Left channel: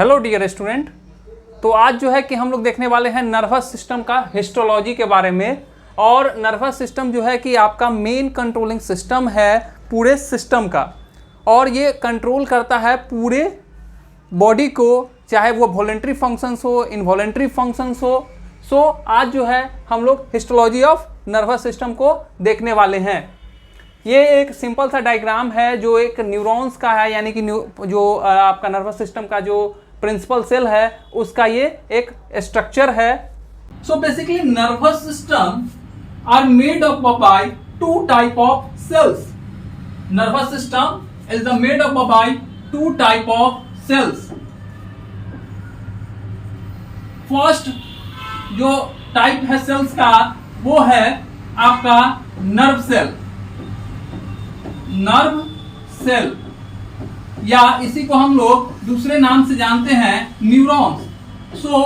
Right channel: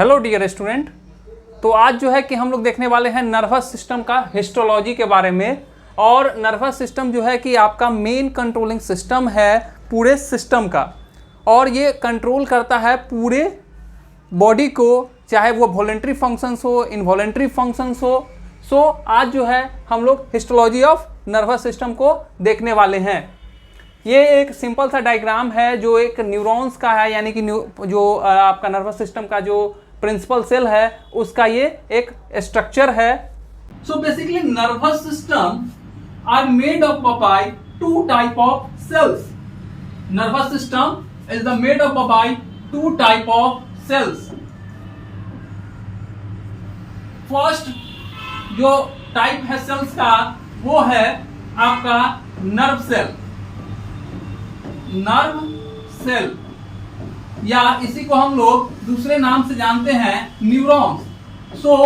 Hello dear student. तो आज जो है कि हम लोग देखने वाले हैं नर्वस सिस्टम का हिस्टोलॉजी के बारे में। और नर्वस सिस्टम जो है कि आपका मेन कंट्रोलिंग सिस्टम है पूरे सिस्टम का, और ये कंट्रोल करता है पूरे बॉडी को, चाहे वो वॉलेंट्री फंक्शंस हो, इनवॉलेंट्री फंक्शंस हो। सो आज जो है हम लोग हिस्टोलॉजी ऑफ नर्वस सिस्टम को देखने वाले हैं। ये एक सिंपल सा डायग्राम है जो एक न्यूरॉन्स का है, यानी कि जो आपका नर्वस सिस्टम का जो प्रिंसिपल सेल है उसका ये एक स्ट्रक्चर है। So basically nervous system are made up by two type of cells. Nervous system is the made up by two type of cells. First जो टाइप है सेल्स का वो है आपका नर्व सेल। नर्व सेल या इसी को हम लोग दूसरे नाम से जानते हैं neurons. So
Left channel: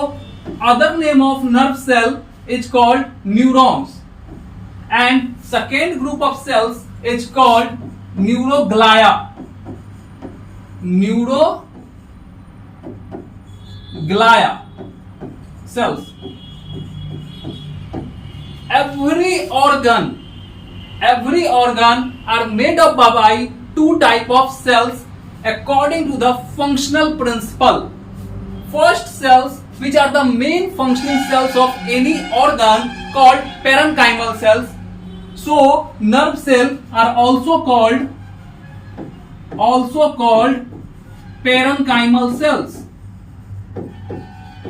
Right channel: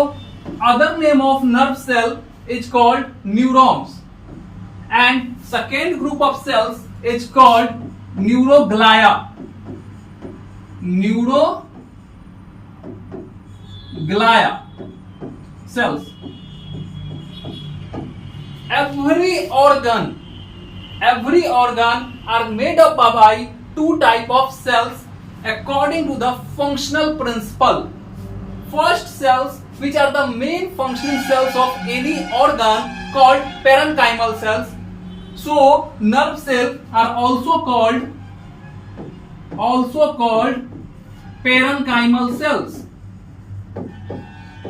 other name of nerve cell is called neurons and second group of cells is called neuroglia. Neuroglia cells. Every organ are made up by two type of cells according to the functional principle. First cells, which are the main functioning cells of any organ, called parenchymal cells. So nerve cells are also called parenchymal cells.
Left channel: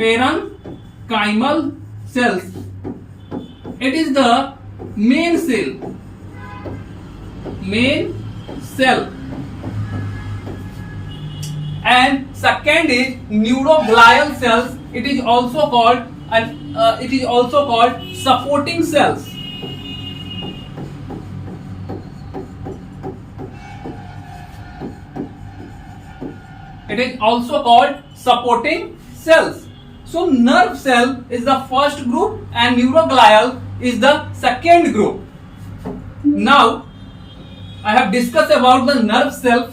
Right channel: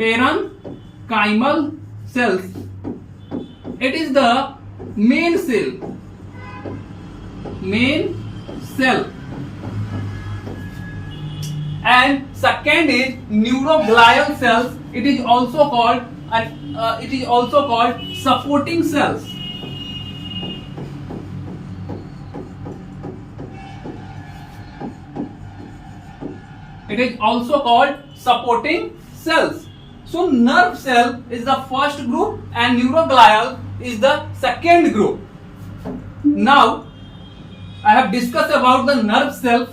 Parenchymal cells. It is the main cell. And second is neuroglial cells. It is also called supporting cells. It is also called supporting cells. So nerve cell is the first group and neuroglial is the second group. Now I have discussed about the nerve cell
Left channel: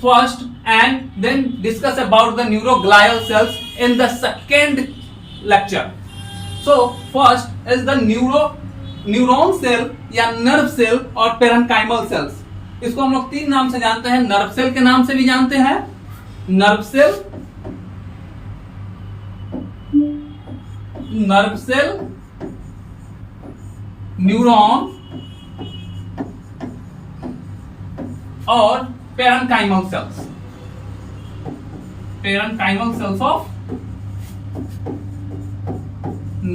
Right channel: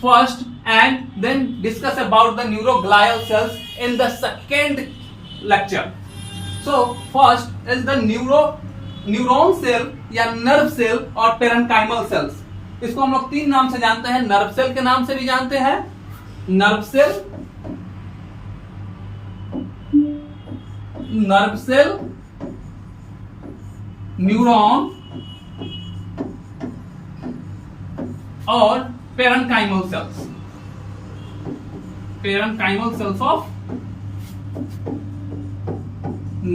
first and then discuss about the neuroglial cells in the second lecture. So first is the neuron cell या nerve cell और parenchymal cells. इसको हम लोग तीन नाम से जानते हैं। नर्व सेल के नाम से भी जानते हैं, नर्व सेल, न्यूरॉन और parenchymal cells of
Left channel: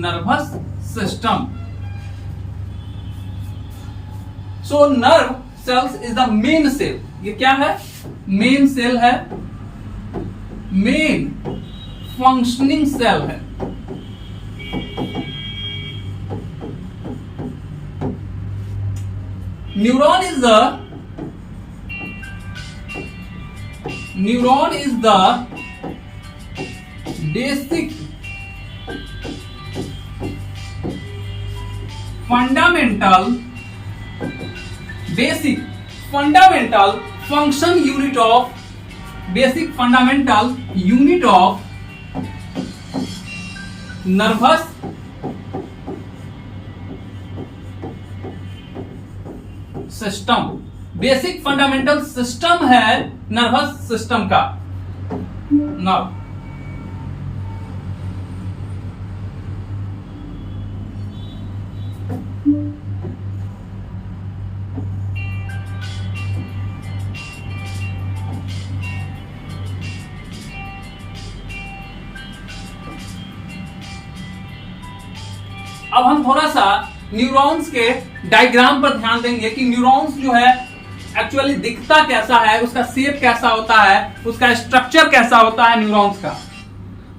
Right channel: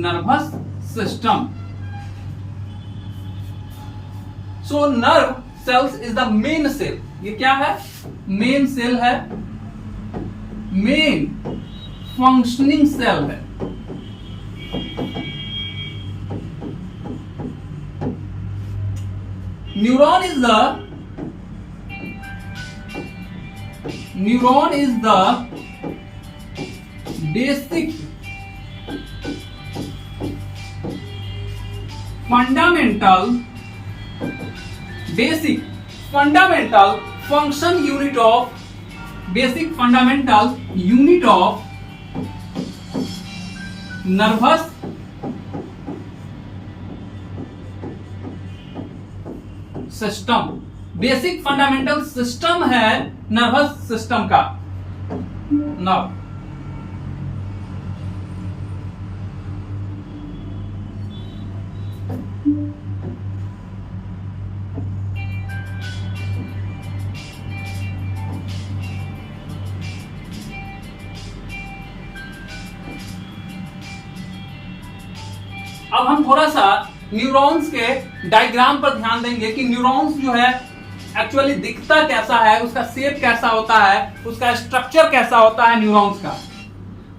nervous system. So nerve cells is the main cell. ये क्या है? मेन सेल है, मेन फंक्शनिंग सेल है। Neuron is the basic fundamental fundamental unit of nervous system. Basic fundamental system है nervous system का। Now अब हम थोड़ा सा न्यूरॉन्स के डायग्राम पर ध्यान देंगे कि न्यूरॉन्स जो है एक्चुअली दिखता कैसा है, उसका शेप कैसा होता है, उसका स्ट्रक्चर कैसा होता है न्यूरॉन्स का।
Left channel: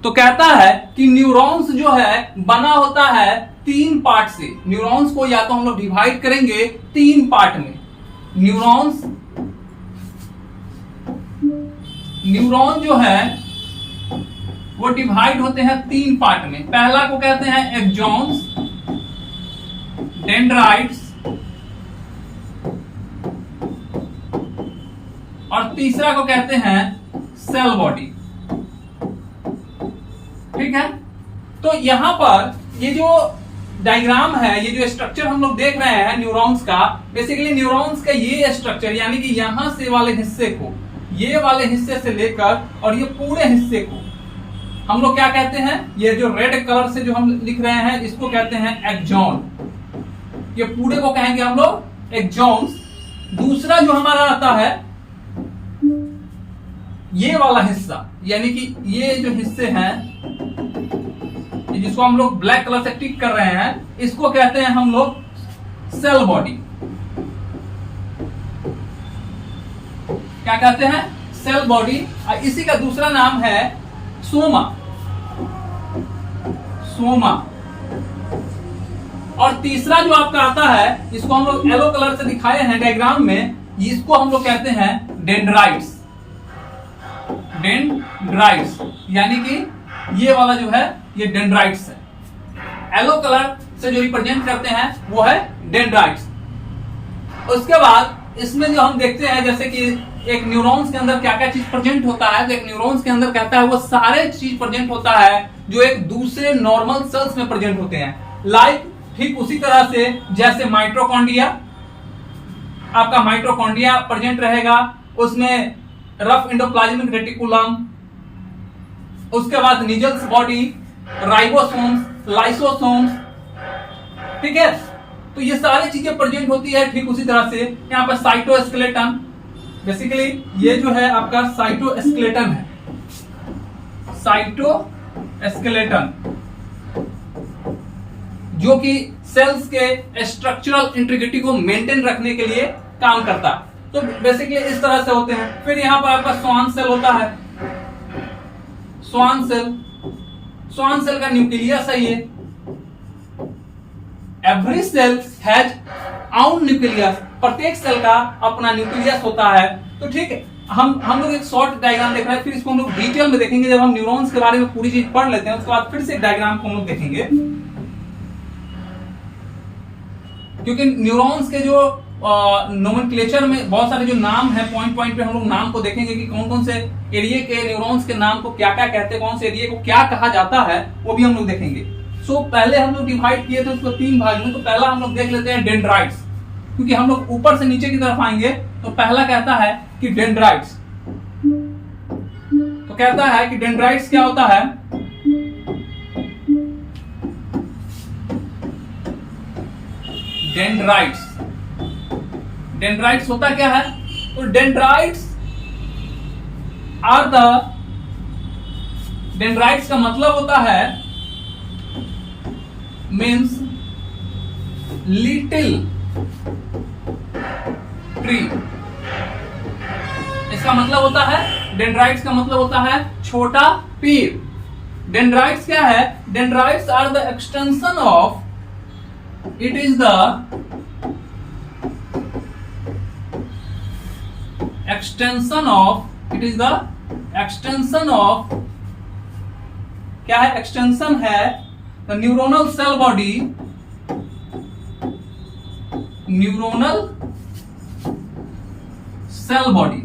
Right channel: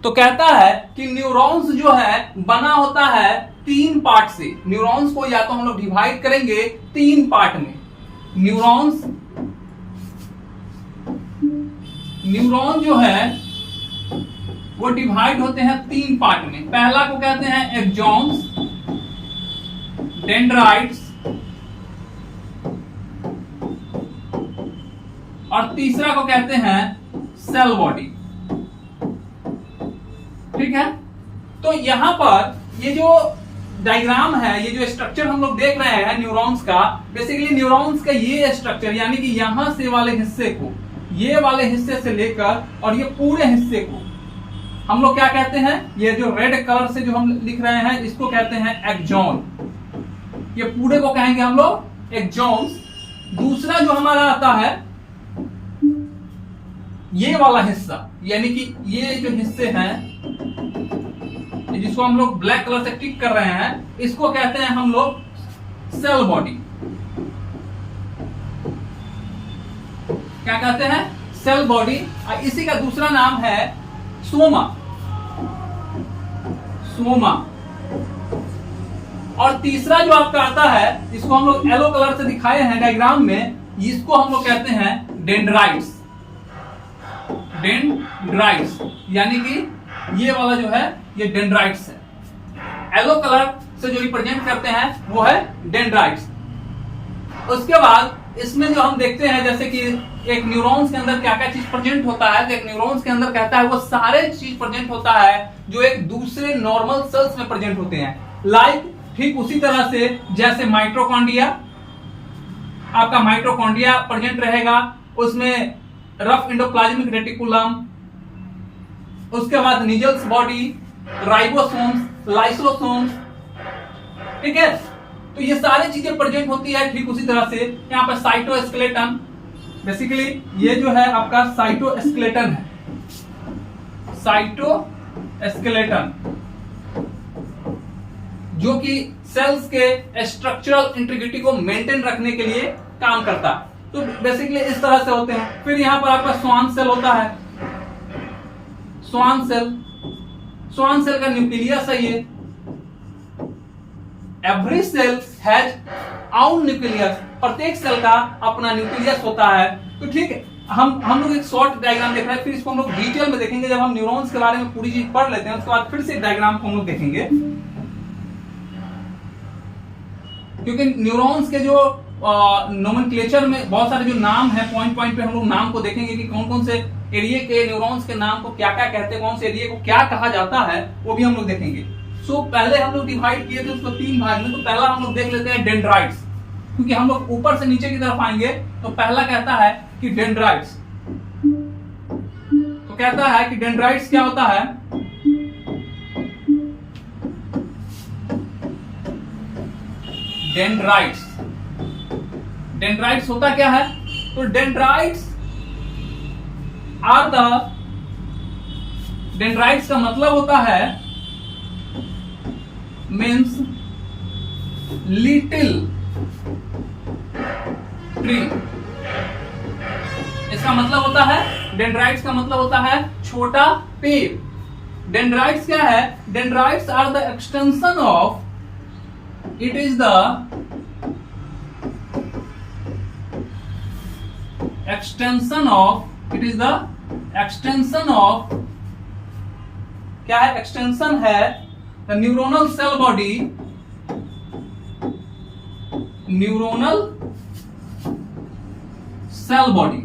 तो कहता है कि न्यूरॉन्स जो है बना होता है तीन पार्ट से। न्यूरॉन्स को या तो हम लोग डिवाइड करेंगे तीन पार्ट में। न्यूरॉन जो है वो डिवाइड होते हैं तीन पार्ट में। पहला को कहते हैं एक्सॉन्स, डेंड्राइट्स और तीसरा को कहते हैं सेल बॉडी। ठीक है। तो यहां पर ये जो डायग्राम है, ये जो स्ट्रक्चर हम लोग देख रहे हैं न्यूरॉन्स का, बेसिकली न्यूरॉन्स का ये स्ट्रक्चर, यानी कि यहां से वाले हिस्से को, ये वाले हिस्से से लेकर और ये पूरे हिस्से को हम लोग क्या कहते हैं, ये जो रेड कलर से जो हम लिख रहे हैं इसको कहते हैं एक्सॉन। ये पूरे को कहेंगे हम लोग एक्सॉन्स। दूसरा जो हमारा आता है ये वाला हिस्सा, यानी कि ये जो हिस्से हैं जिसको हम लोग ब्लैक कलर से टिक कर रहे हैं, इसको कहते हैं हम लोग सेल बॉडी। क्या कहते हैं, सेल बॉडी। और इसी का दूसरा नाम है सोमा, सोमा। और तीसरा जो आपका आता है, इसको हम लोग येलो कलर से दिखाए हैं डायग्राम में, इसको हम लोग कहते हैं डेंड्राइट्स, डेंड्राइट्स, यानी कि ये वाला जो है ये डेंड्राइट्स है। येलो कलर से जो रिप्रेजेंट करते हैं वो है डेंड्राइट्स। उसके बाद इसमें जो हम देखते हैं, जैसे कि एक न्यूरॉन्स के अंदर क्या क्या चीज प्रेजेंट होता है, तो एक न्यूरॉन्स के अंदर कहता है वो सारे चीज प्रेजेंट होता है जो एक दूसरे नॉर्मल सेल्स में प्रेजेंट होते हैं। लाइक ठीक उसी तरह से जैसे माइटोकॉन्ड्रिया, आपका माइटोकॉन्ड्रिया प्रेजेंट रहेगा, उसमें रफ एंडोप्लाज्मिक रेटिकुलम, उसके बाद निजल्स बॉडी, राइबोसोम्स, लाइसोसोम्स, ठीक है। तो ये सारी चीजें प्रेजेंट होती है। ठीक उसी तरह से यहाँ पर साइटोस्केलेटन, बेसिकली ये जो है आपका साइटोस्केलेटन है, साइटोस्केलेटन, जो कि सेल्स के स्ट्रक्चरल इंटीग्रिटी को मेंटेन रखने के लिए काम करता है। तो बेसिकली इस तरह से होते हैं। फिर यहां पर आपका स्वान सेल होता है, स्वान सेल, स्वान सेल का न्यूक्लियस है ये। एवरी सेल हैज आउन न्यूक्लियस, प्रत्येक सेल का अपना न्यूक्लियस होता है। तो ठीक है, हम लोग एक शॉर्ट डायग्राम देख रहे हैं, फिर इसको हम लोग डिटेल में देखेंगे। जब हम न्यूरॉन्स के बारे में पूरी चीज पढ़ लेते हैं उसके बाद फिर से डायग्राम को हम लोग देखेंगे, क्योंकि न्यूरॉन्स के जो नोमेनक्लेचर में बहुत सारे जो नाम है, पॉइंट पॉइंट पे हम लोग नाम को देखेंगे कि कौन कौन से एरिया के न्यूरॉन्स के नाम को क्या क्या कहते हैं, कौन से एरिया को क्या कहा जाता है, वो भी हम लोग देखेंगे। सो पहले हम लोग डिवाइड किए थे उसको 3 भाग में। तो पहला हम लोग देख लेते हैं डेंड्राइट्स, क्योंकि हम लोग ऊपर से नीचे की तरफ आएंगे। तो पहला कहता है कि डेंड्राइट्स, तो कहता है कि डेंड्राइट्स क्या होता है, डेंड्राइट्स, डेंड्राइट्स होता क्या है, तो डेंड्राइट्स आर द, डेंड्राइट्स का मतलब होता है मीन्स लिटिल ट्री। इसका मतलब होता है, डेंड्राइट्स का मतलब होता है छोटा पेड़। डेंड्राइट्स क्या है, dendrites are the extension of, it is the extension of, it is the extension of, क्या है, एक्सटेंशन है the neuronal cell body, neuronal cell body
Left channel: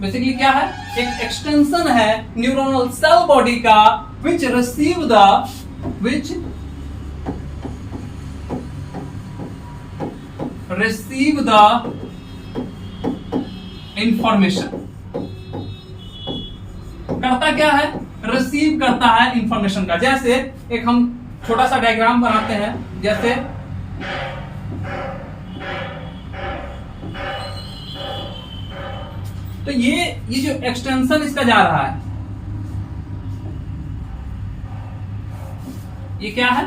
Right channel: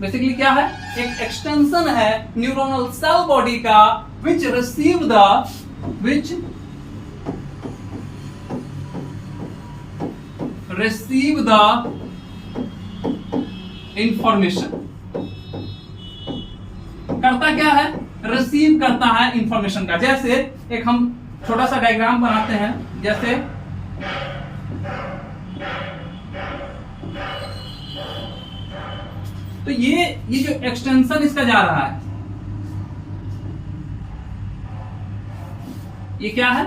basically क्या है, एक एक्सटेंशन है न्यूरोनल सेल बॉडी का, which receive the, which receive the information, करता क्या है, रिसीव करता है इंफॉर्मेशन का। जैसे एक हम छोटा सा डायग्राम बनाते हैं, जैसे तो ये जो एक्सटेंशन इसका जा रहा है, ये क्या है,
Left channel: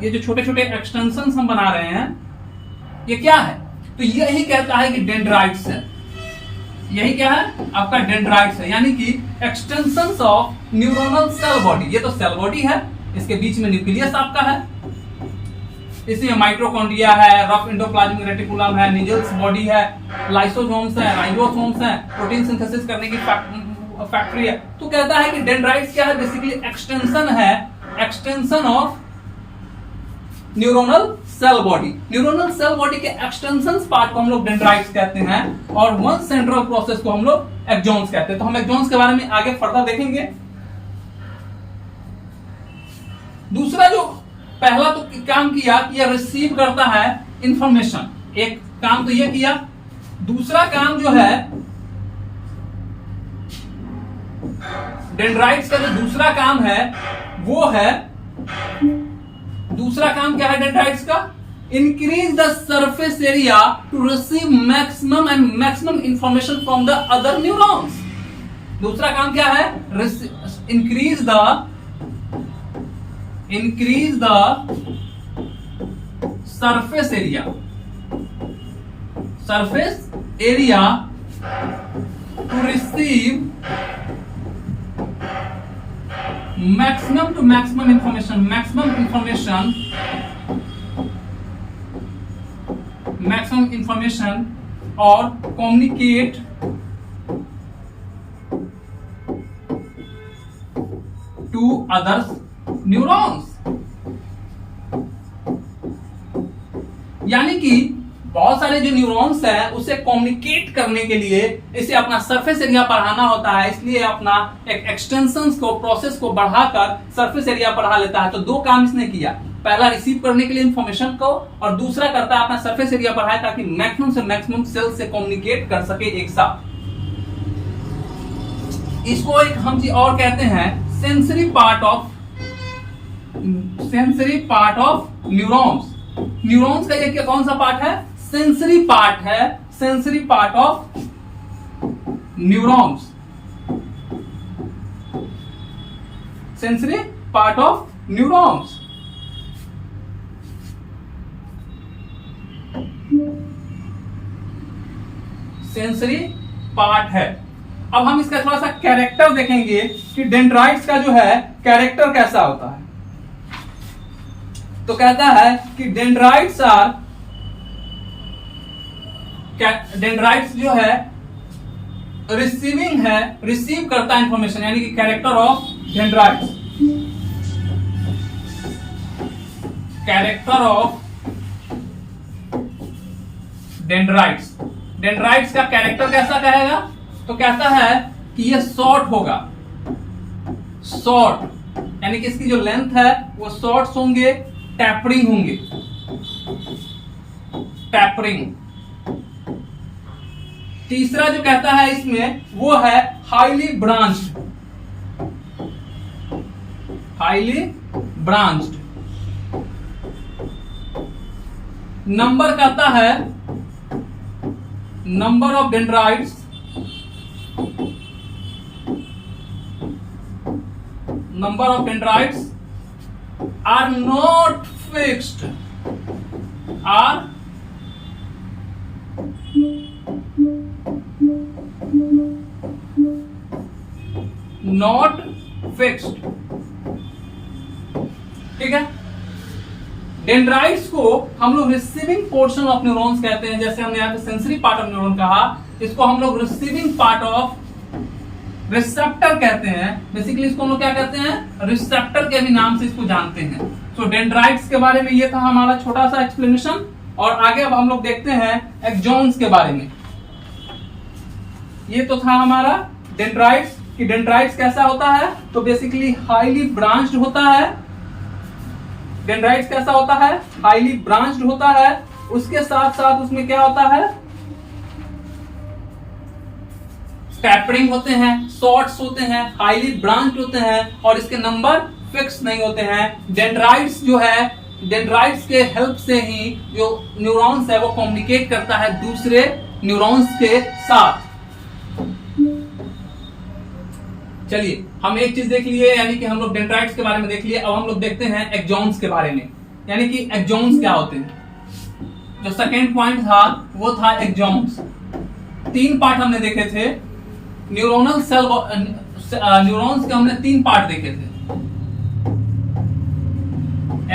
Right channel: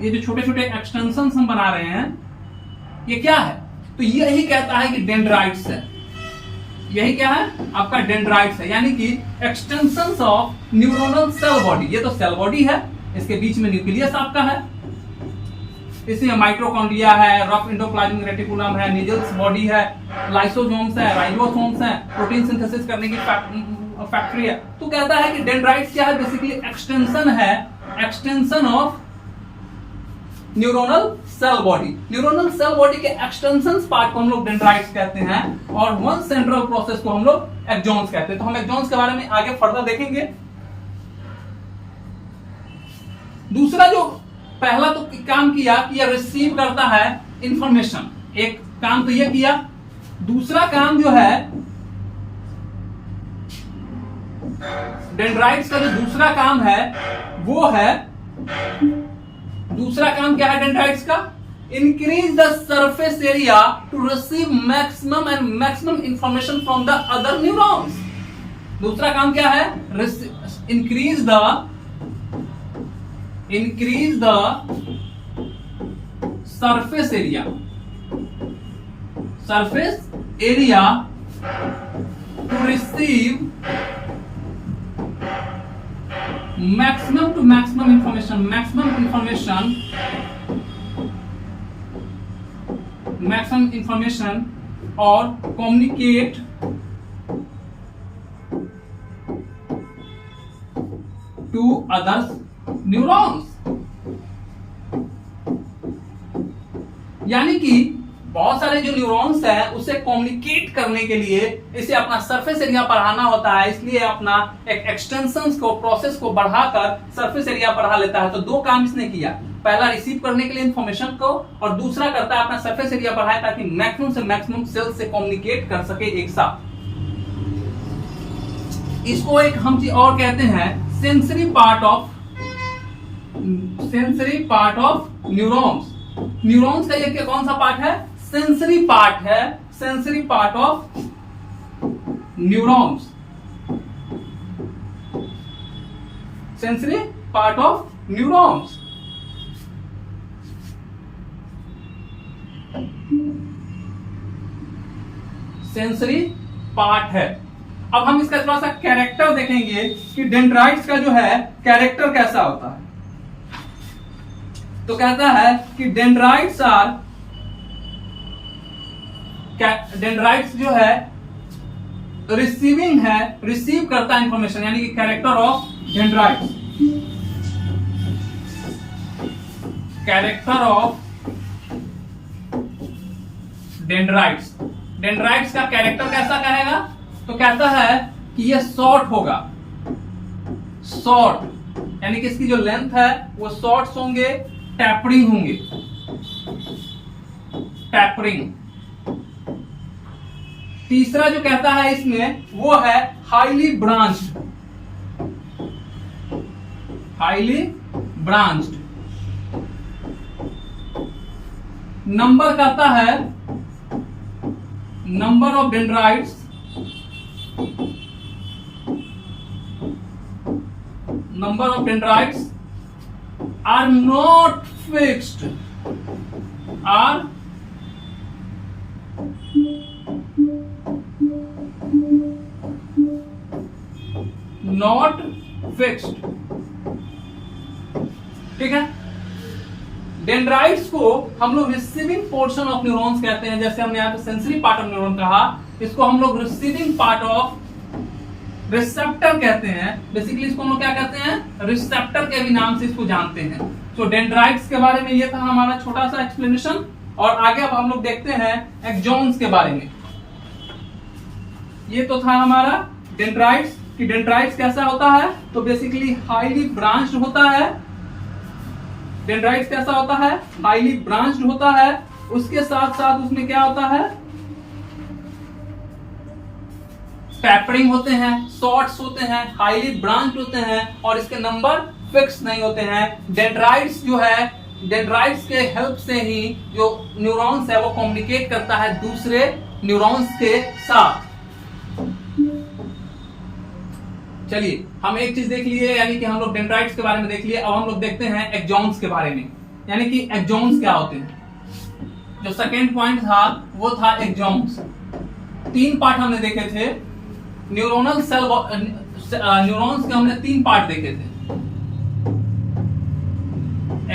ये जो छोटे छोटे एक्सटेंशन हम बना रहे हैं ये क्या है, तो यही कहता है कि डेंड्राइट्स है। यही क्या है, आपका डेंड्राइट्स है, यानी कि extensions of neuronal cell body. ये तो सेल बॉडी है, इसके बीच में न्यूक्लियस आपका है, इसमें माइटोकॉन्ड्रिया है, रफ एंडोप्लाज्मिक रेटिकुलम है, निजल्स बॉडी है, लाइसोसोम्स है, राइबोसोम्स है, प्रोटीन सिंथेसिस करने की फैक्ट्री है। तो कहता है कि डेंड्राइट्स क्या है, बेसिकली एक्सटेंशन है, extension of neuronal cell body. Neuronal cell body के एक्सटेंशन पार्ट को हम लोग डेंड्राइट्स कहते हैं, और वन सेंट्रल प्रोसेस को हम लोग एक्सॉन्स कहते हैं। तो हम एक्सॉन्स के बारे में आगे फर्दर देखेंगे। दूसरा जो पहला तो काम किया कि यह रिसीव करता है इंफॉर्मेशन, एक काम तो यह किया। दूसरा काम जो है डेंड्राइट्स का, जो दूसरा काम है वो है, दूसरा काम क्या है डेंड्राइट्स का? Increase the surface area to receive maximum information from the other neurons. दूसरा काम क्या है? Increase the surface area to receive maximum information और communicate to other neurons। यानी कि बहुत सारे जो न्यूरॉन्स है उसे कम्युनिकेट करने के लिए इसे अपना सरफेस एरिया बढ़ाना होता है, इसलिए अपना एक एक्सटेंशंस को, प्रोसेस को बढ़ाकर सरफेस एरिया बढ़ा लेता है। तो दो काम इसने किया, पहला रिसीव करने के लिए इंफॉर्मेशन को, और दूसरा करता है अपना सरफेस एरिया बढ़ाए ताकि मैक्सिमम से मैक्सिमम सेल से कम्युनिकेट कर सके एक साथ। इसको एक हम चीज और कहते हैं sensory part of neurons. Neurons का ये कौन सा पार्ट है? सेंसरी पार्ट है, sensory part of neurons, sensory part of neurons. Sensory part है। अब हम इसका थोड़ा सा कैरेक्टर देखेंगे कि डेंड्राइट्स का जो है कैरेक्टर कैसा होता है। तो कहता है कि डेंड्राइट्स जो है रिसीविंग है, रिसीव करता है इंफॉर्मेशन, यानी कि character of dendrites, character of dendrites. Dendrites का कैरेक्टर कैसा कहेगा? तो कहता है कि ये शॉर्ट होगा, शॉर्ट यानी कि इसकी जो लेंथ है वो शॉर्ट्स होंगे, टैपरिंग होंगे, टैपरिंग। तीसरा जो कहता है इसमें वो है highly branched, highly branched. Number कहता है number of dendrites, number of dendrites are not fixed, are not fixed। ठीक है, डेंड्राइट्स को हम लोग रिसीविंग पोर्शन ऑफ न्यूरॉन्स कहते हैं। जैसे हमने यहाँ पे सेंसरी पार्ट ऑफ न्यूरॉन कहा, इसको हम लोग रिसीविंग पार्ट ऑफ रिसेप्टर कहते हैं। बेसिकली इसको हम लोग क्या कहते हैं? रिसेप्टर के भी नाम से इसको जानते हैं। तो डेंड्राइट्स के बारे में ये था हमारा छोटा सा एक्सप्लेनेशन, और आगे अब हम लोग देखते हैं एक्सॉन्स के बारे में। ये तो था हमारा डेंड्राइट्स कि डेंड्राइट्स कैसा होता है। तो बेसिकली हाईली ब्रांच्ड होता है। डेंड्राइट्स कैसा होता है? हाईली ब्रांच्ड होता है। उसके साथ साथ उसमें क्या होता है? टैपरिंग होते हैं, शॉर्ट्स होते हैं, हाईली ब्रांच होते हैं, और इसके नंबर फिक्स नहीं होते हैं। डेंड्राइट्स जो है, डेंड्राइट्स के हेल्प से ही जो न्यूरॉन्स है वो कम्युनिकेट करता है दूसरे न्यूरॉन्स के साथ। चलिए हम एक चीज देख लिए, यानी कि हम लोग डेंड्राइट्स के बारे में देख लिए। अब हम लोग देखते हैं एक्सॉन्स के बारे में, यानी कि एक्सॉन्स क्या होते हैं। जो सेकेंड पॉइंट था वो था एक्सॉन्स। तीन पार्ट हमने देखे थे न्यूरोनल सेल, न्यूरॉन्स के हमने तीन पार्ट देखे थे,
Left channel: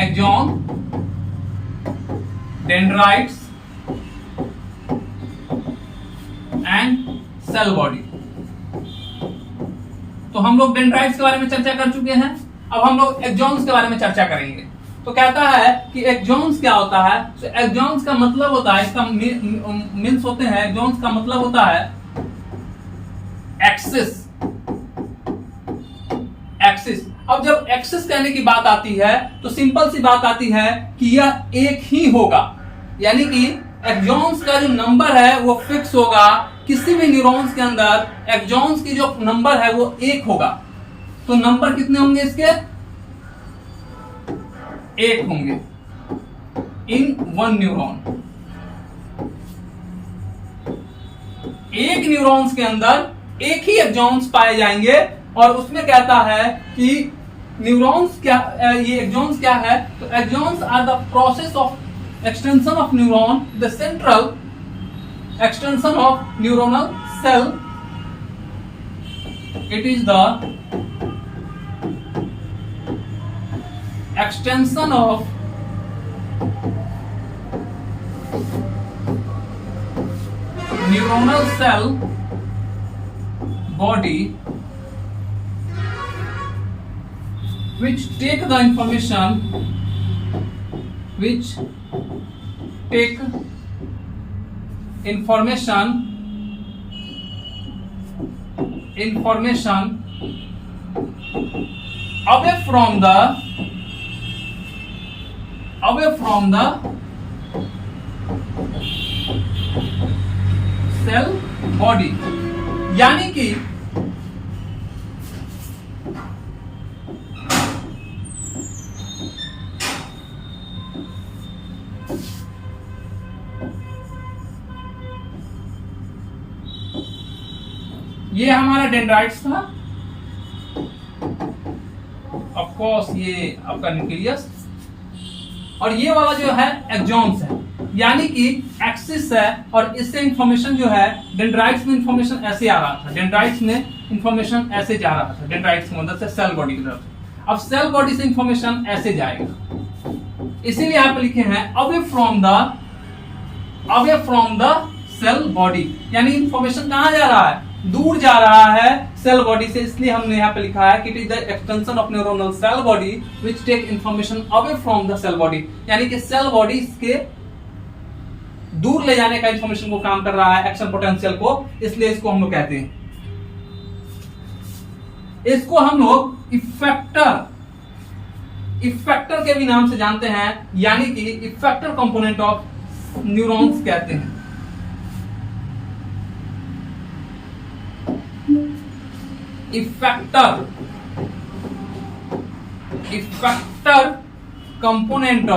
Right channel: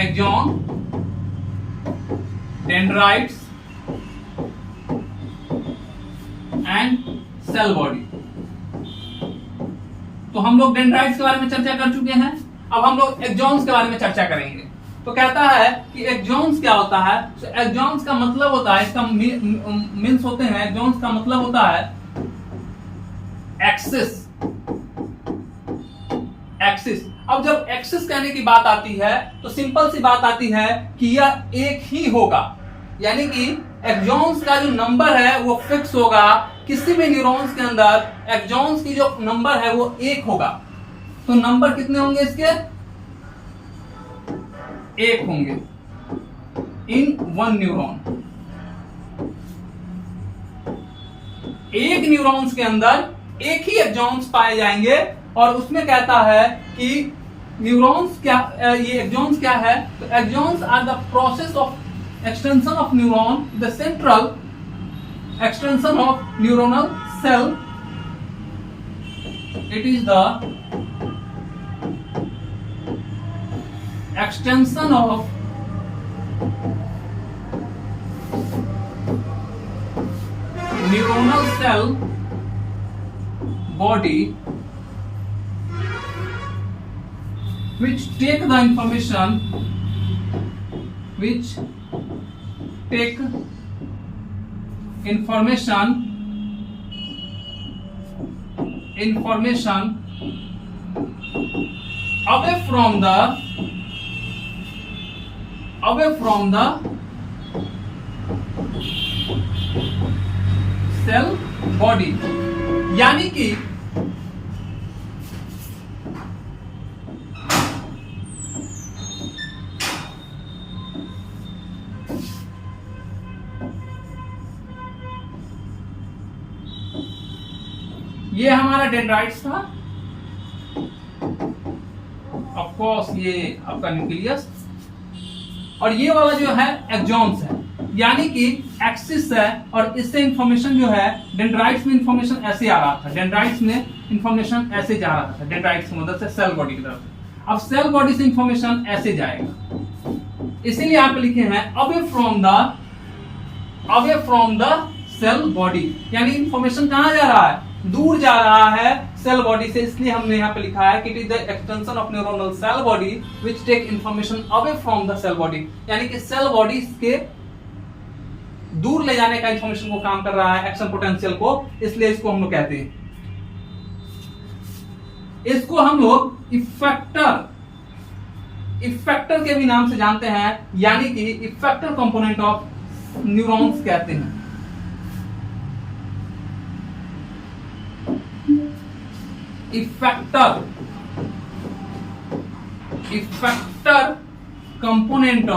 axon, dendrites and cell body. तो हम लोग डेंड्राइट्स के बारे में चर्चा कर चुके हैं। अब हम लोग एक्सॉन्स के बारे में चर्चा करेंगे। तो कहता है कि एक्सॉन्स क्या होता है। तो एक्सॉन्स का मतलब होता है, इसका मीन्स होते हैं, एक्सॉन्स का मतलब होता है एक्सेस एक्सिस। अब जब एक्सिस कहने की बात आती है तो सिंपल सी बात आती है कि यह एक ही होगा, यानी कि एक्सॉन्स का जो नंबर है वो फिक्स होगा। किसी भी न्यूरॉन्स के अंदर एक्सॉन्स की जो नंबर है वो एक होगा। तो नंबर कितने होंगे इसके? एक होंगे इन वन न्यूरॉन। एक न्यूरॉन्स के अंदर एक ही एक्सॉन्स पाए जाएंगे और उसमें कहता है कि न्यूरॉन्स क्या, ये एक्सॉन्स क्या है? तो axons are the process of extension of neuron, the central extension of neuronal cell. It is the extension of neuronal cell body which take the information away from the cell body. यानी कि ये हमारा dendrites था, of course ये आपका nucleus, और ये वाला जो है एक्सॉन्स है, यानी कि एक्सिस है। और इससे इंफॉर्मेशन जो है डेंड्राइट्स में इंफॉर्मेशन ऐसे आ रहा था, डेंड्राइट्स में इंफॉर्मेशन ऐसे जा रहा था, डेंड्राइट्स की मदद से सेल बॉडी की तरफ। अब सेल बॉडी से इंफॉर्मेशन ऐसे जाएगा, इसीलिए यहाँ पे लिखे हैं away from the cell body, यानी इंफॉर्मेशन कहाँ जा रहा है? दूर जा रहा है सेल बॉडी से। इसलिए हमने यहाँ पे लिखा है कि it is the extension of neuronal cell body which take information away from the cell body, यानी कि सेल बॉडी के दूर ले जाने का इंफॉर्मेशन को काम कर रहा है, एक्शन पोटेंशियल को। इसलिए इसको हम लोग कहते हैं, इसको हम लोग इफेक्टर के भी नाम से जानते हैं, यानी कि इफेक्टर कंपोनेंट ऑफ न्यूरॉन्स कहते हैं। Effector component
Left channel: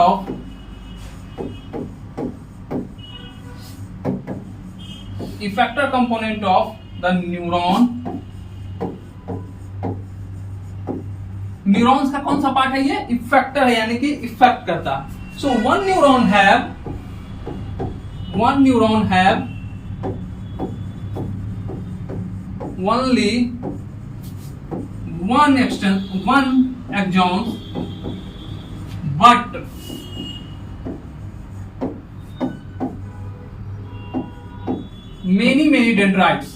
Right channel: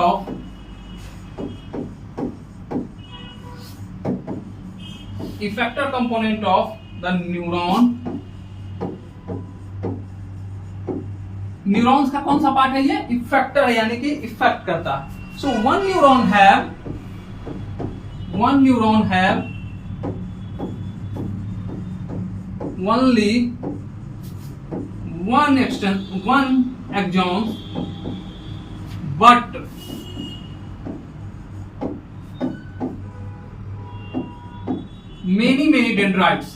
of the neuron. Neurons का कौन सा पार्ट है? ये इफेक्टर है, यानी कि इफेक्ट करता। So one neuron have only one axon, but many dendrites,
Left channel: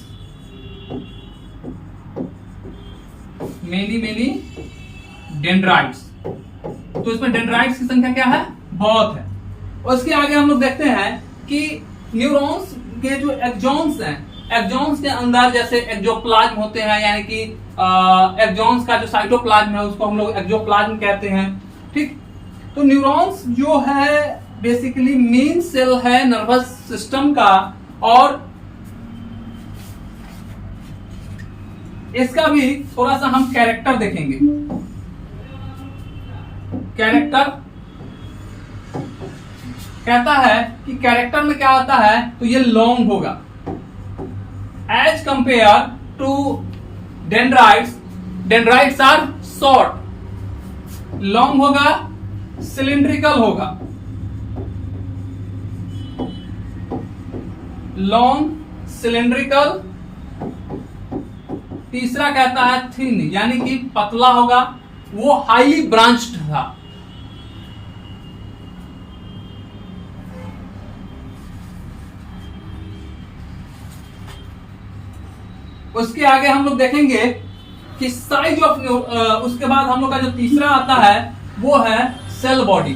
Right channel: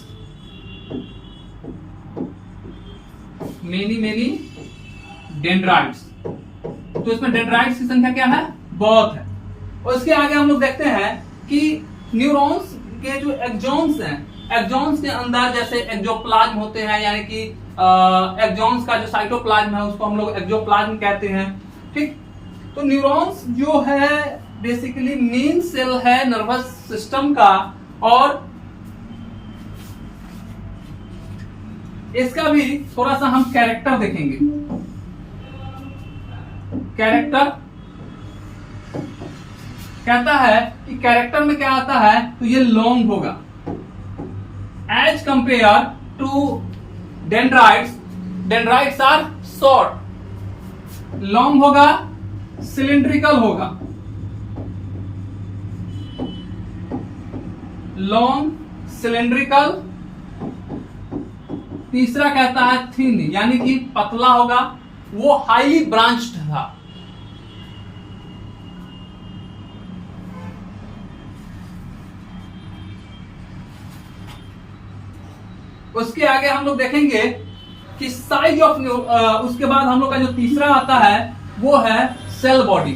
तो इसमें डेंड्राइट्स की संख्या क्या है? बहुत है। उसके आगे हम लोग देखते हैं कि न्यूरॉन्स के जो एक्सॉन्स हैं, एक्सॉन्स के अंदर जैसे एक्सोप्लाज्म होते हैं, यानी कि एक्सॉन्स का जो साइटोप्लाज्म है उसको हम लोग एक्सोप्लाज्म कहते हैं। ठीक, तो न्यूरॉन्स जो है बेसिकली मेन सेल है नर्वस सिस्टम का, और इसका भी थोड़ा सा हम कैरेक्टर देखेंगे। कैरेक्टर कहता है कि कैरेक्टर में क्या आता है, तो ये लॉन्ग होगा as compare to dendrites are short. Long होगा, सिलिंड्रिकल होगा, लॉन्ग सिलिंड्रिकल। तीसरा कहता है थिन, यानी कि पतला होगा, वो हाईली ब्रांच्ड था। उसके आगे हम लोग देखेंगे कि साइज ऑफ, उसके बाद हम लोग का जो तीसरा आता है वो है सेल बॉडी।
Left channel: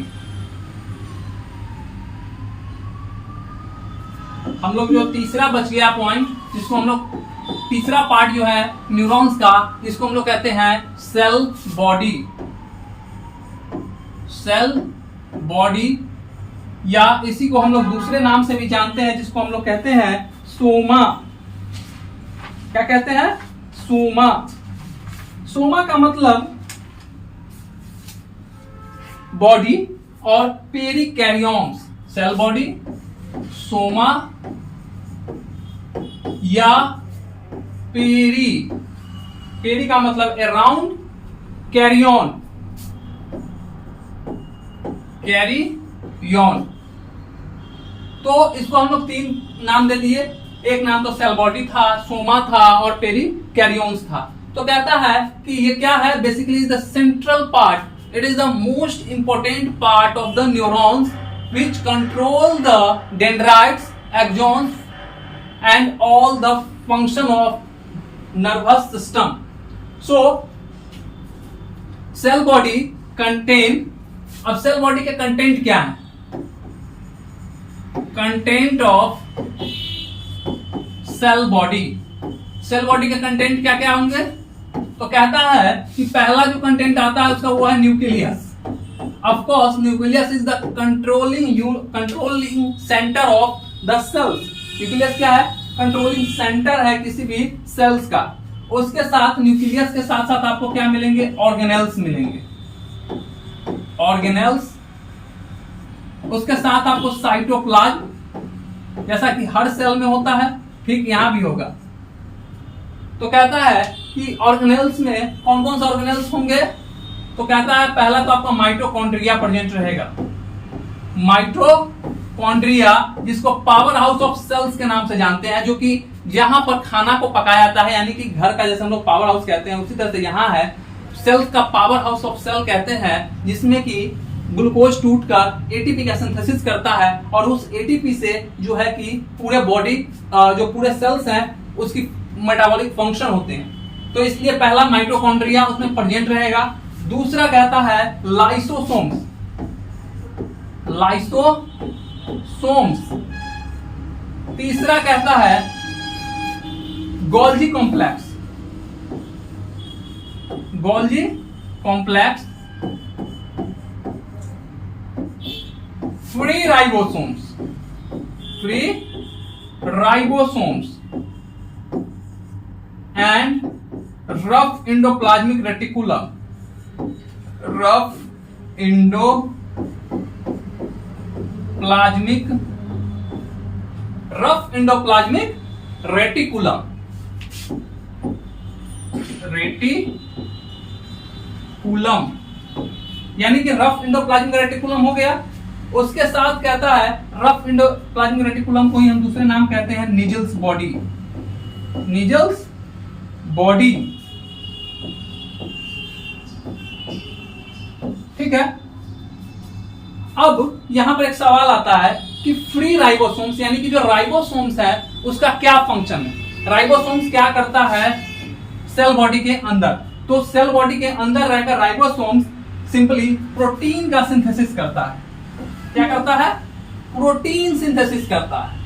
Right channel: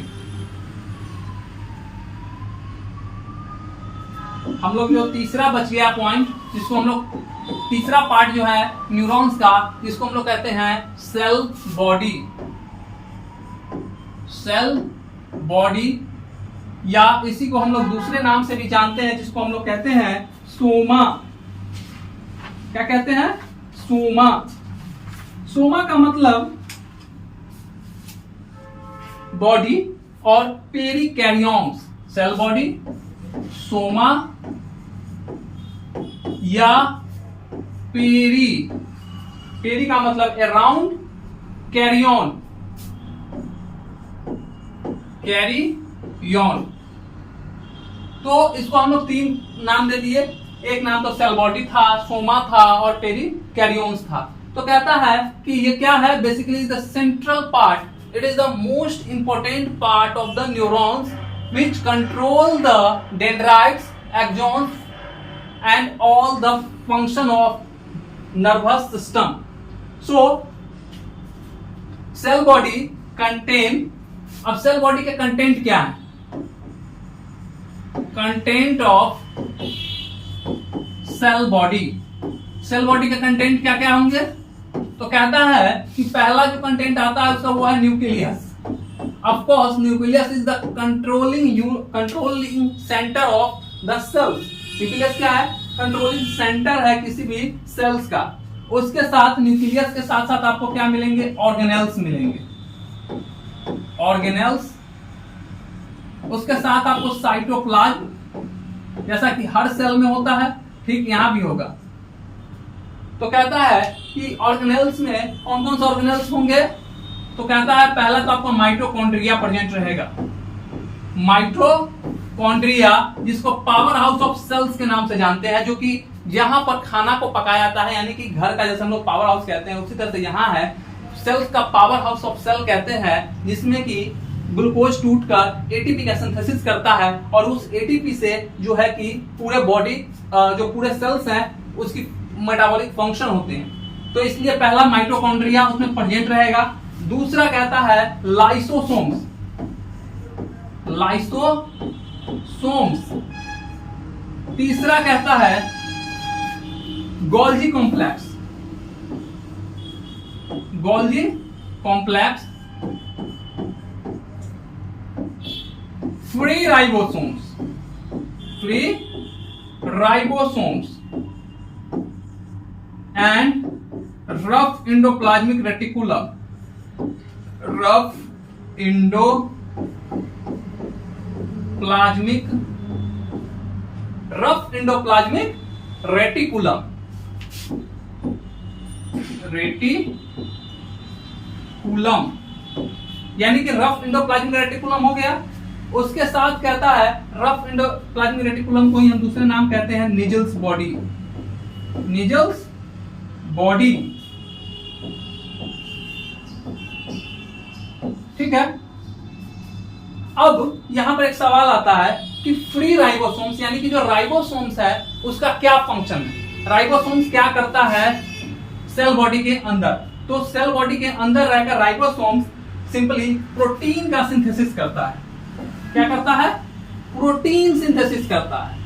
हम लोग जो तीसरा बच गया पॉइंट जिसको हम लोग तीसरा पार्ट जो है न्यूरॉन्स का, इसको हम लोग कहते हैं सेल बॉडी। सेल बॉडी, या इसी को हम लोग दूसरे नाम से भी जानते हैं, जिसको हम लोग कहते हैं सोमा। क्या कहते हैं? सोमा। सोमा का मतलब बॉडी और पेरिकैरियोन्स, सेल बॉडी, सोमा या पेरी का मतलब अराउंड, कैरियन, कैरियन। तो इसको हम लोग 3 नाम दे दिए। एक नाम तो सेल बॉडी था, सोमा था और पेरिकैरियोन्स था। तो कहता है कि ये क्या है? Basically the central part, it is the most important part of the neurons which control the dendrites, axons and all the function of nervous system. So cell body contain, अब सेल बॉडी के content क्या है? Content of cell body, cell body के content क्या क्या होंगे? तो कहता है कि पहला जो कंटेंट आता है उसका वो है nucleus. Of course nucleus is the controlling centre of the cells. Nucleus क्या है? कंट्रोलिंग सेंटर है किसी भी सेल्स का। उसके साथ न्यूक्लियस के साथ साथ आपको क्या मिलेंगे? ऑर्गेनेल्स मिलेंगे, ऑर्गेनेल्स। उसके साथ आपको साइटोप्लाज्म, जैसा कि हर सेल में होता है, ठीक यहां भी होगा। तो कहता है कि ऑर्गेनेल्स में कौन कौन से ऑर्गेनेल्स होंगे? तो कहता है पहला तो आपका माइटोकॉन्ड्रिया प्रेजेंट रहेगा। माइटोकॉन्ड्रिया, जिसको पावर हाउस ऑफ सेल्स के नाम से जानते हैं, जो कि जहां पर खाना को पकाया जाता है, यानी कि घर का जैसे हम लोग पावर हाउस कहते हैं, उसी तरह से यहां है सेल्स का पावर हाउस ऑफ सेल कहते हैं, जिसमें कि ग्लूकोज टूटकर एटीपी का सिंथेसिस करता है और उस एटीपी से जो है कि पूरे बॉडी, जो पूरे सेल्स हैं, उसकी मेटाबॉलिक फंक्शन होते हैं। तो इसलिए पहला माइटोकॉन्ड्रिया उसमें प्रेजेंट रहेगा। दूसरा कहता है लाइसोसोम्स, लाइसोसोम्स। तीसरा कहता है Golgi complex, Golgi complex. Free ribosomes, free ribosomes and rough endoplasmic reticulum, rough endoplasmic reticulum, reticulum, यानी कि रफ एंडोप्लाज्मिक रेटिकुलम हो गया। उसके साथ कहता है रफ एंडोप्लाज्मिक रेटिकुलम को ही हम दूसरे नाम कहते हैं निजल्स बॉडी, निजल्स बॉडी। ठीक है। अब यहां पर एक सवाल आता है कि फ्री राइबोसोम्स, यानी कि जो राइबोसोम्स है उसका क्या फंक्शन है? राइबोसोम्स क्या करता है सेल बॉडी के अंदर? तो सेल बॉडी के अंदर रहकर राइबोसोम्स सिंपली प्रोटीन का सिंथेसिस करता है। क्या करता है? प्रोटीन सिंथेसिस करता है।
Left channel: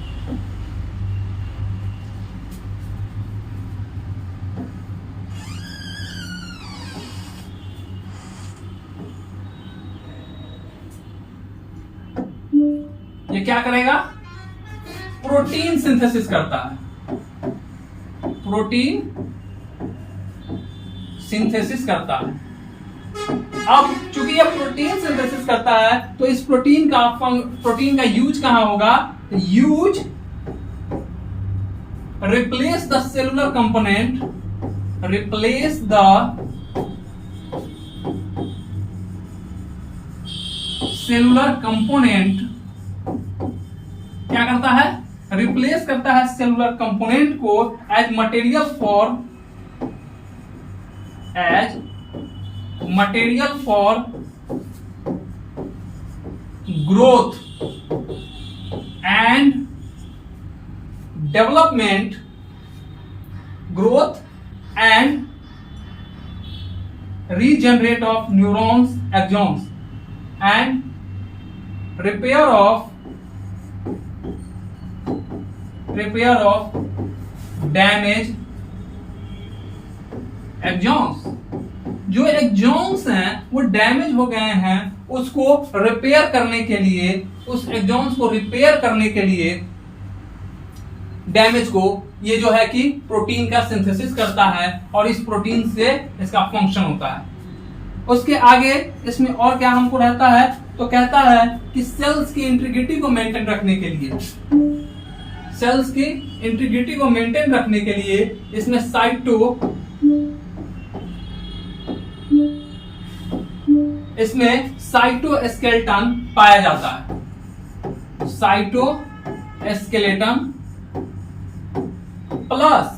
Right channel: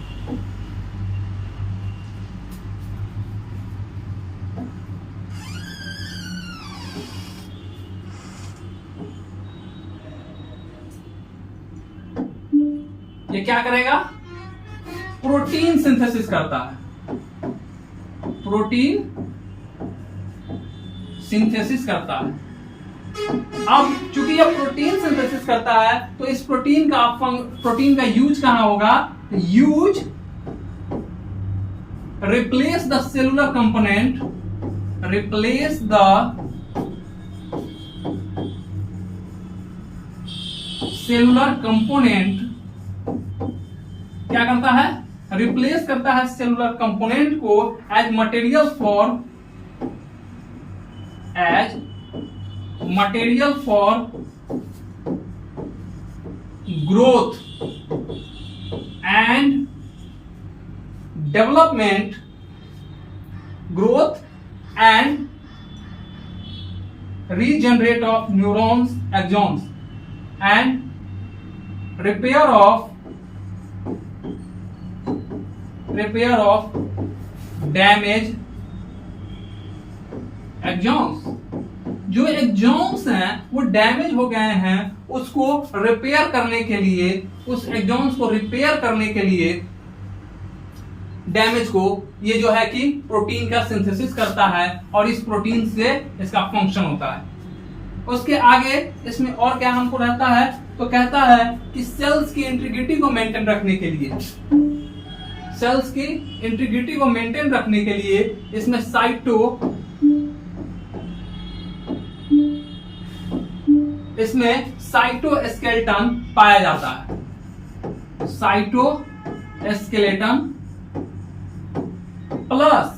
ये क्या करेगा? प्रोटीन सिंथेसिस करता है, प्रोटीन सिंथेसिस करता है। अब चूंकि ये प्रोटीन सिंथेसिस करता है तो इस प्रोटीन का यूज कहां होगा? Use replace the cellular component, replace the cellular component. क्या करता है? रिप्लेस करता है सेलुलर कंपोनेंट को as material for growth and development, growth and regenerate of neurons, axons and repair of damaged axons. जो एक्सॉन्स हैं वो डैमेज हो गए हैं, उसको रिपेयर करने के लिए, उस एक्सॉन्स को रिपेयर करने के लिए डैमेज को ये जो है कि प्रोटीन का सिंथेसिस करता है और इस प्रोटीन से इसका फंक्शन होता है। उसके आगे इसमें और क्या हमको रहता है, तो कहता है कि सेल्स की इंटीग्रिटी को मेंटेन रखने के लिए, सेल्स की इंटीग्रिटी को मेंटेन रखने के लिए इसमें साइटोस्केलेटन पाया जाता है। साइटोस्केलेटन प्लस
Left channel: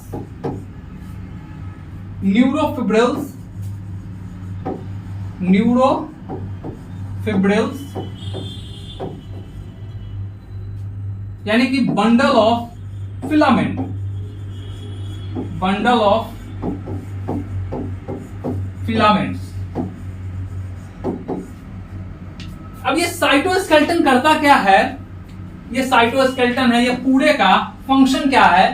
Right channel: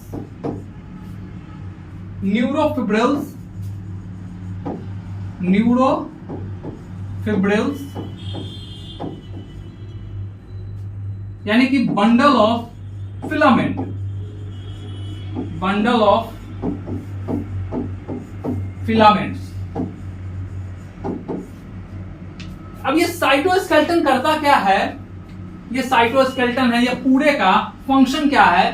न्यूरोफिब्रिल्स यानी कि bundle of filament, bundle of filaments. अब ये साइटोस्केलेटन करता क्या है, ये साइटोस्केलेटन है, ये पूरे का फंक्शन क्या है,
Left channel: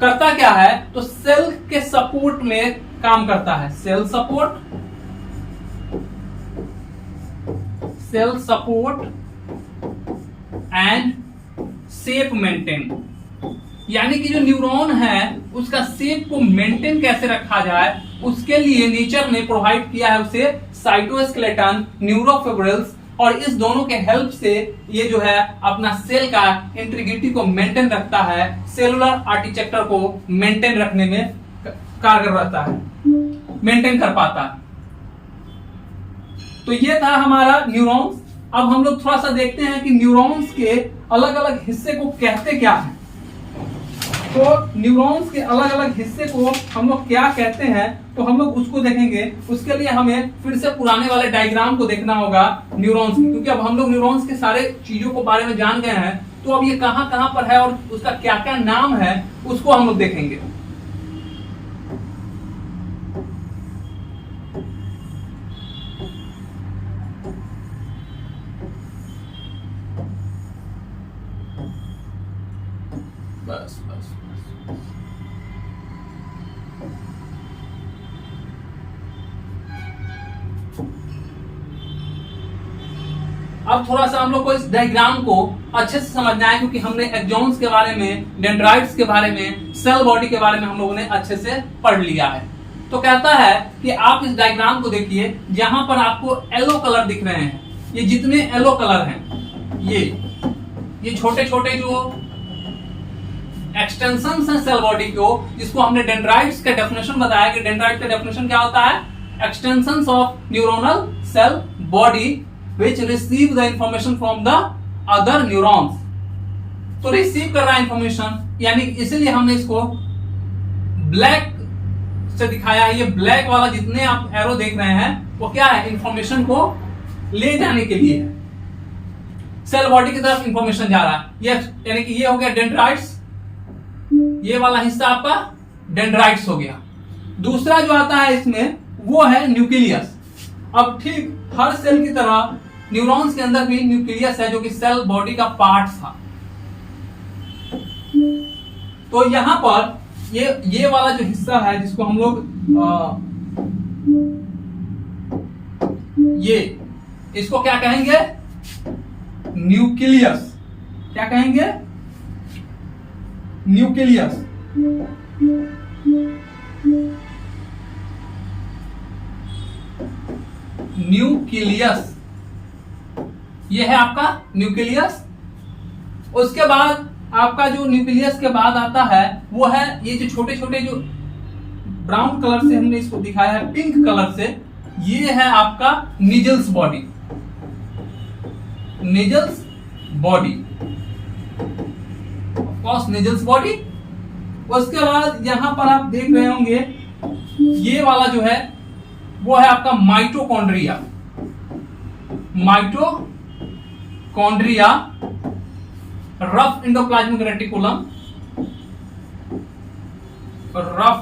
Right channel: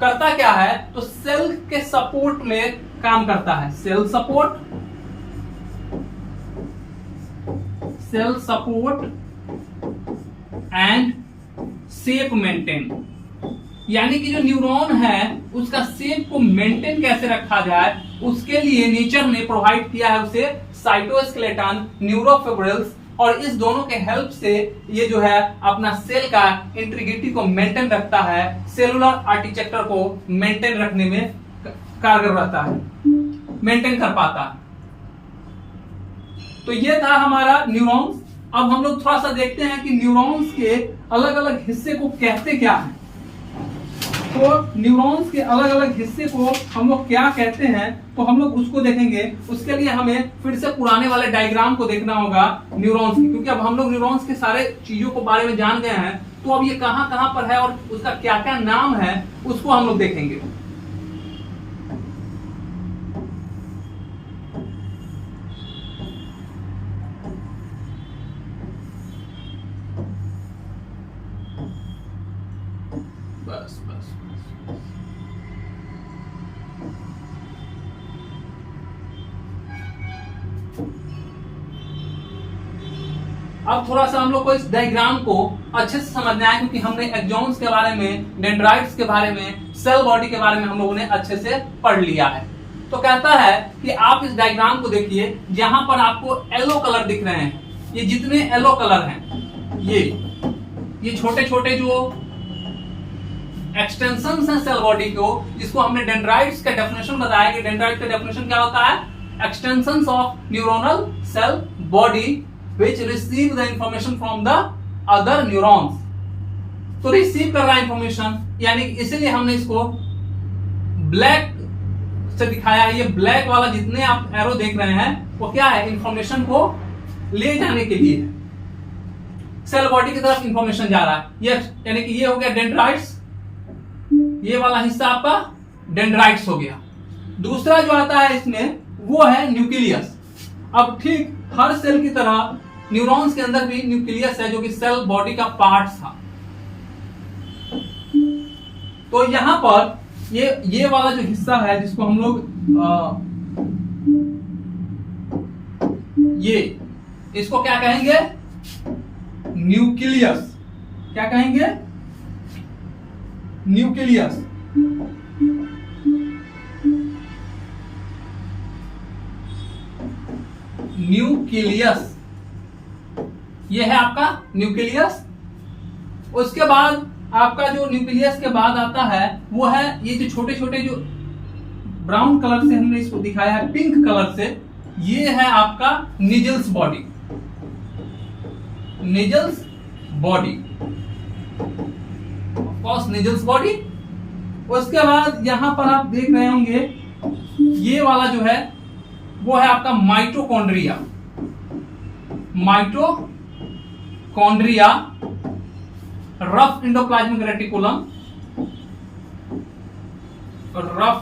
करता क्या है, तो सेल के सपोर्ट में काम करता है। Cell support and shape maintain, यानी कि जो न्यूरॉन है उसका शेप को मेंटेन कैसे रखा जाए, उसके लिए नेचर ने प्रोवाइड किया है उसे साइटोस्केलेटन, न्यूरोफिब्रिल्स, और इस दोनों के हेल्प से ये जो है अपना सेल का इंटीग्रिटी को मेंटेन रखता है, सेलुलर आर्किटेक्चर को मेंटेन रखने में कारगर रहता है, मेंटेन कर पाता है। तो ये था हमारा न्यूरॉन्स। अब हम लोग थोड़ा सा देखते हैं कि न्यूरॉन्स के अलग अलग हिस्से को कहते क्या है। तो न्यूरॉन्स के अलग अलग हिस्से को हम लोग क्या कहते हैं, तो हम लोग उसको देखेंगे। उसके लिए हमें फिर से पुराने वाले डायग्राम को देखना होगा न्यूरॉन्स की, क्योंकि अब हम लोग न्यूरॉन्स के सारे चीजों को बारे में जान गए हैं। तो अब ये कहां कहां पर है और उसका क्या क्या नाम है उसको हम लोग देखेंगे। बस बस अब थोड़ा सा हम लोग को इस डायग्राम को अच्छे से समझना है, क्योंकि हमने एक्सॉन्स के बारे में, डेंड्राइट्स के बारे में, सेल बॉडी के बारे में हम लोगों ने अच्छे से पढ़ लिया है। तो कहता है कि आप इस डायग्राम को देखिए, जहां पर आपको येलो कलर दिख रहे हैं, ये जितने येलो कलर हैं, ये छोटे छोटे जो एक्सटेंशंस हैं सेल बॉडी को, जिसको हमने डेंड्राइट्स का डेफिनेशन बताया कि डेंड्राइट का डेफिनेशन क्या होता है, extensions of neuronal cell body which receive the information from the other neurons। तो रिसीव कर रहा है इंफॉर्मेशन, यानी इसीलिए हमने इसको ब्लैक से दिखाया है। ये ब्लैक वाला जितने आप एरो देख रहे हैं वो क्या है, इंफॉर्मेशन को ले जाने के लिए है, सेल बॉडी की तरफ इंफॉर्मेशन जा रहा है। ये यानी कि ये हो गया डेंड्राइट्स, ये वाला हिस्सा आपका डेंड्राइट्स हो गया। दूसरा जो आता है इसमें वो है न्यूक्लियस। अब ठीक हर सेल की तरह न्यूरॉन्स के अंदर भी न्यूक्लियस है, जो कि सेल बॉडी का पार्ट था। तो यहां पर ये वाला जो हिस्सा है, जिसको हम लोग ये इसको क्या कहेंगे, न्यूक्लियस। क्या कहेंगे, न्यूक्लियस। न्यूक्लियस ये है आपका न्यूक्लियस। उसके बाद आपका जो न्यूक्लियस के बाद आता है वो है ये जो छोटे छोटे जो ब्राउन कलर से हमने इसको दिखाया है, पिंक कलर से, ये है आपका Nissl's body, Nissl's body, of course Nissl's body. उसके बाद यहां पर आप देख रहे होंगे ये वाला जो है वो है आपका mitochondria, mitochondria, rough endoplasmic reticulum, rough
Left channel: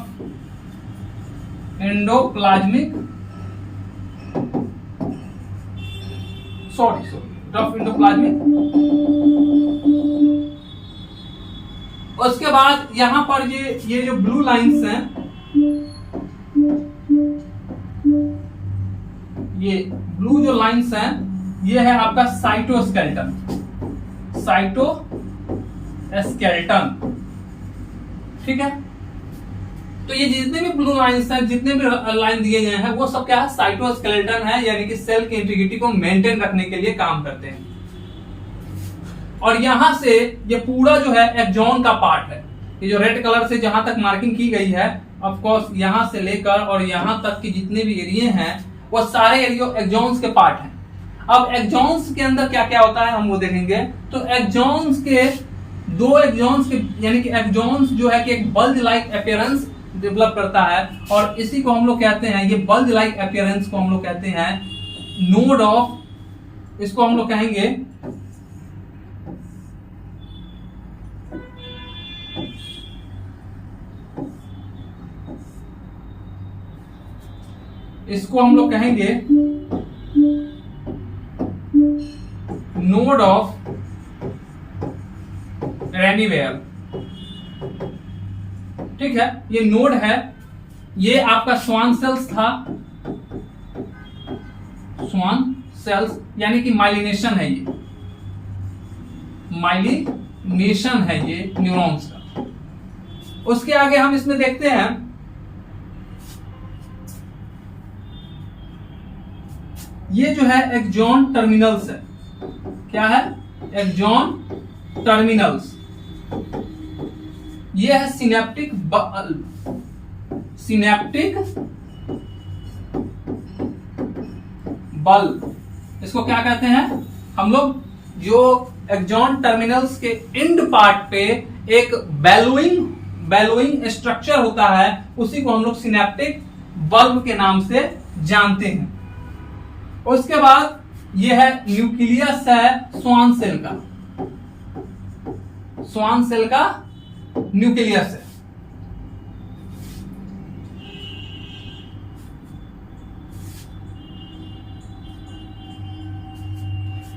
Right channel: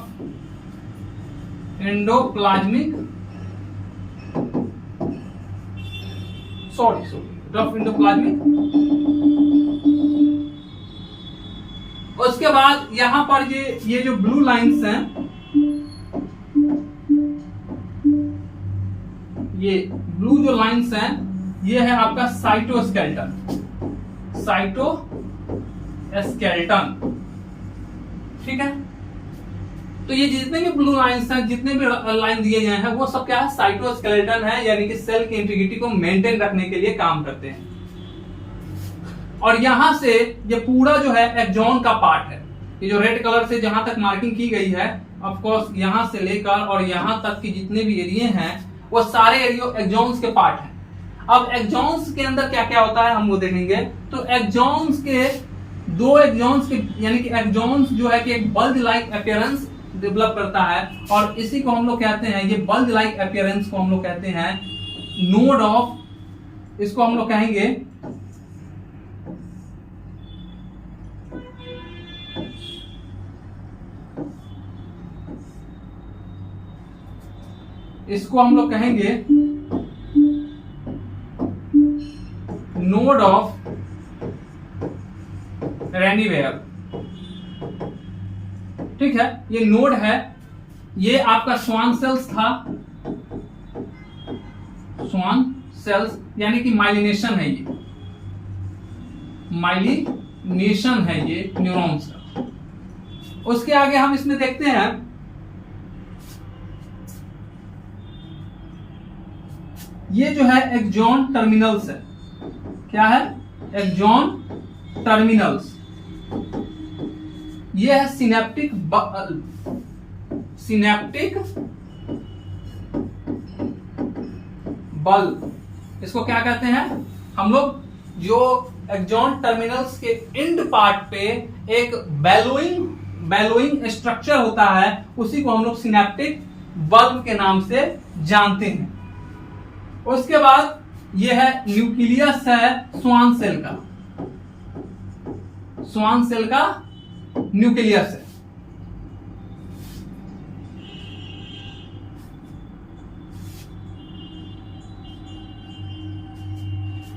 endoplasmic rough endoplasmic. उसके बाद यहां पर ये जो ब्लू लाइंस हैं, ये ब्लू जो लाइंस हैं ये है आपका साइटोस्केलेटन, साइटोस्केलेटन, ठीक है। तो ये जितने भी ब्लू लाइंस हैं, जितने भी लाइन दिए गए हैं वो सब क्या है, साइटोस्केलेटन है, यानी कि सेल की इंटीग्रिटी को मेंटेन रखने के लिए काम करते हैं। और यहां से ये पूरा जो है एक्सॉन का पार्ट है, ये जो रेड कलर से जहां तक मार्किंग की गई है, ऑफ कोर्स यहां से लेकर और यहां तक की जितने भी एरिया हैं वो सारे एरिया एक्सॉन्स के पार्ट हैं। अब एक्सॉन्स के अंदर क्या क्या होता है हम वो देखेंगे। तो एक्सॉन्स के दो एक्सॉन्स के यानी कि एक्सॉन्स जो है कि एक बल्ज लाइक अपीयरेंस डेवलप करता है, और इसी को हम लोग कहते हैं, ये बल्ज लाइक अपीयरेंस को हम लोग कहते हैं नोड ऑफ, इसको हम लोग कहेंगे नोड ऑफ रेनिवेयर, ठीक है। ये नोड है, ये आपका स्वान सेल्स था, स्वान सेल्स यानी कि माइलिनेशन है, ये माइलिनेशन है ये न्यूरॉन्स का। उसके आगे हम इसमें देखते हैं ये जो है एक्सॉन टर्मिनल्स है, क्या है, एक्सॉन टर्मिनल्स। ये है सिनेप्टिक बल्ब, इसको क्या कहते हैं हम लोग, जो एक्सॉन टर्मिनल्स के एंड पार्ट पे एक बेलोइंग स्ट्रक्चर होता है, उसी को हम लोग सिनेप्टिक बल्ब के नाम से जानते हैं। उसके बाद ये है न्यूक्लियस है स्वान सेल का, स्वान सेल का न्यूक्लियस है।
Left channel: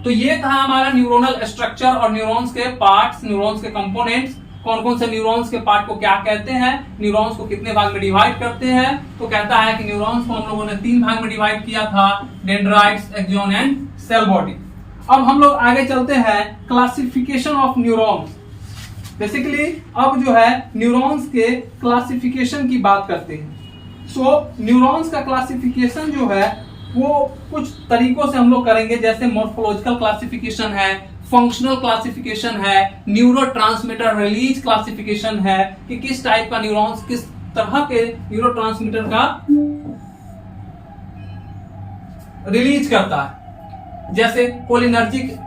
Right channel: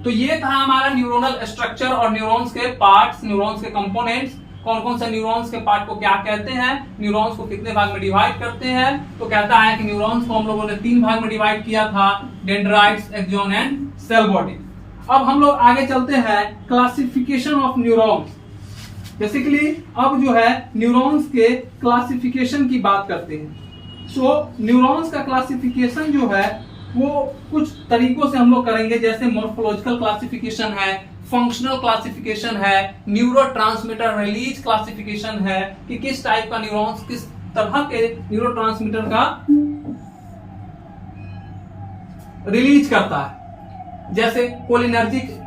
तो ये था हमारा न्यूरोनल स्ट्रक्चर और न्यूरॉन्स के पार्ट्स, न्यूरॉन्स के कंपोनेंट्स, कौन कौन से न्यूरॉन्स के पार्ट को क्या कहते हैं, न्यूरॉन्स को कितने भाग में डिवाइड करते हैं। तो कहता है कि न्यूरॉन्स को हम लोगों ने 3 भाग में डिवाइड किया था, dendrites, axon and cell body. अब हम लोग आगे चलते हैं क्लासिफिकेशन ऑफ न्यूरॉन्स। बेसिकली अब जो है न्यूरॉन्स के क्लासिफिकेशन की बात करते हैं। सो न्यूरॉन्स का क्लासिफिकेशन जो है वो कुछ तरीकों से हम लोग करेंगे, जैसे मॉर्फोलॉजिकल क्लासिफिकेशन है, फंक्शनल क्लासिफिकेशन है, न्यूरोट्रांसमीटर रिलीज क्लासिफिकेशन है कि किस टाइप का न्यूरॉन्स किस तरह के न्यूरोट्रांसमीटर का रिलीज करता है। जैसे कोलिनर्जिक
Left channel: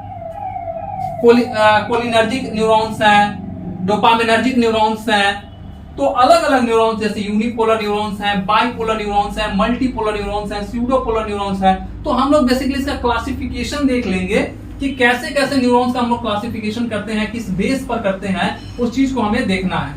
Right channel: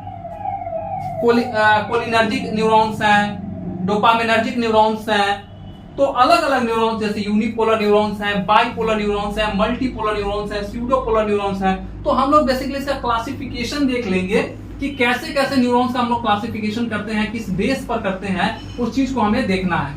न्यूरॉन्स हैं, डोपामिनर्जिक न्यूरॉन्स हैं। तो अलग अलग न्यूरॉन्स जैसे यूनिपोलर न्यूरॉन्स हैं, बाइपोलर न्यूरॉन्स हैं, मल्टीपोलर न्यूरॉन्स हैं, स्यूडोपोलर न्यूरॉन्स हैं। तो हम लोग बेसिकली इसका क्लासिफिकेशन देख लेंगे कि कैसे कैसे न्यूरॉन्स का हम लोग क्लासिफिकेशन करते हैं, किस बेस पर करते हैं, उस चीज को हमें देखना है।